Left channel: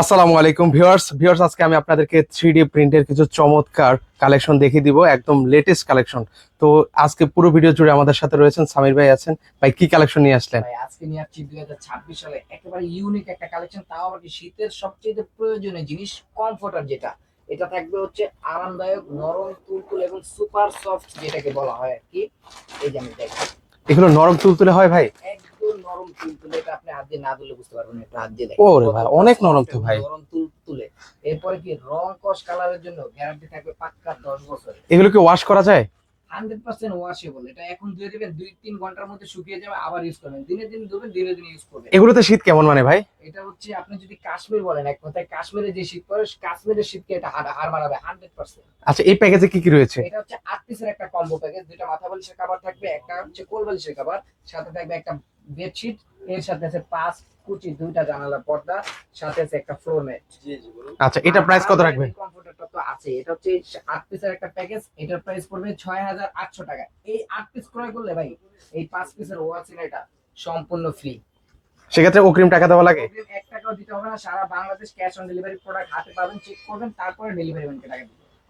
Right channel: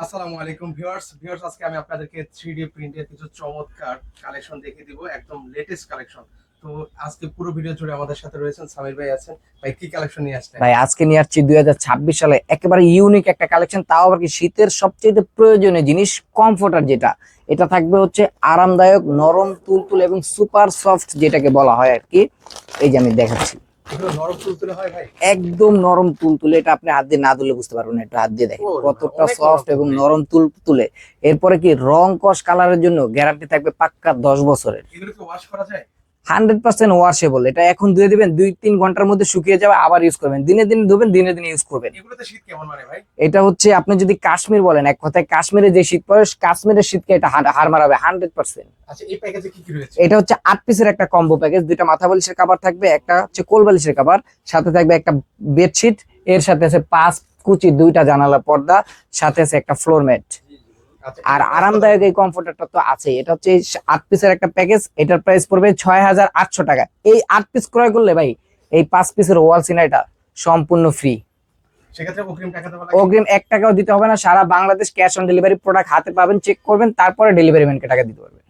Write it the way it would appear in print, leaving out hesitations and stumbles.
আসসালামু আলাইকুম ভিউয়ার্স আজকে আমি আপনাদেরকে 3D প্রিন্টের কিছু চমৎকার কালেকশন দেখিয়ে দিব, একদম লেটেস্ট কালেকশন। তো আজকে পুরো ভিডিও জুড়ে আমাদের সাথে রয়েছেন সামির ভাই আছেন। ভাই কি কালেকশন নিয়ে আসলেন? ভাই আজকে নিয়ে আসছি 2026 সালে একেবারে ইউনিক একটা কালেকশন, তাও আবার কি শীতের সবচেয়ে প্রয়োজনীয় জিনিস কমফোর্টার যেটা, এটা থাকবে হচ্ছে আরামদায়ক, নরম, তুলতুলে এবং সুপার সফট যেটাকে বলা হয় আর কি। এই যে আমি দেখাচ্ছি, এগুলো নরম তুলতুলে হয় ভাই? একদম নরম তুলতুলে। এটা আপনি হাত দিয়ে না ধুলে বুঝতে পারবেন না, এটা হাত দিয়ে দেখেন ওরে ভাই, কতটা অনেক নরম সফট তো এবং ভাই। নরম তুলতুলে। এরপরে কি রং কস কালারের জন্য গ্যারান্টি থাকবে পাক্কা 10 বছরের। এগুলো কি ওয়াশ করা যায়? 100% ওয়াশেবল। এটা এখন ধুয়ে দিবেন, 2-3 ঘন্টার মধ্যে শুকিয়ে যাবে, আবার ইউজ করবেন, দিনে দিনে ধুবেন, দিনে দিনে ইউজ করবেন। এগুলোতে শীত কেমন মানে ভাই? এটা হচ্ছে আপনি যদি কাশ্মীর বলেন, এক কথায় কাশ্মীরে যে শীত পড়ে, কাশ্মীরের শীতকে এটা হার মারাবে 100%। আচ্ছা, এই প্যাকেজে কি কি রয়েছে? এটা হচ্ছে 8 পিসের একটা কম্বো প্যাকেজ। দুইটা মাথা বালিশের কভার থাকবে, একটা হচ্ছে কোল বালিশের কভার, সাথে থাকবে একটা বেডশিট, এর সাথে আছে 5 কুচি 2টা জানালা পর্দা, সাথে আছে একটা ফ্লোর ম্যাট। আচ্ছা, আর এটা প্রাইস কত আরামদায়ক রাখবেন? এই কমফোর্টারটা তো আছে। এটা হচ্ছে 8 পিসের একটা প্যাকেজ, এটার প্রাইস পড়বে 6800 টাকা। এই 8 পিস ক্রয় করলে ভাই এই 5 পিসের ওয়াল সিনাইটা সম্পূর্ণ ফ্রি। সেক্ষেত্রে অগ্রিম টাকা দেওয়া লাগে? অগ্রিম 1 টাকাও দিতে হবে না, সারা Bangladesh cash on delivery. Product হাতে পাবেন, চেক করবেন, তারপরে ডেলিভারি ম্যানকে টাকা দিতে পারবেন।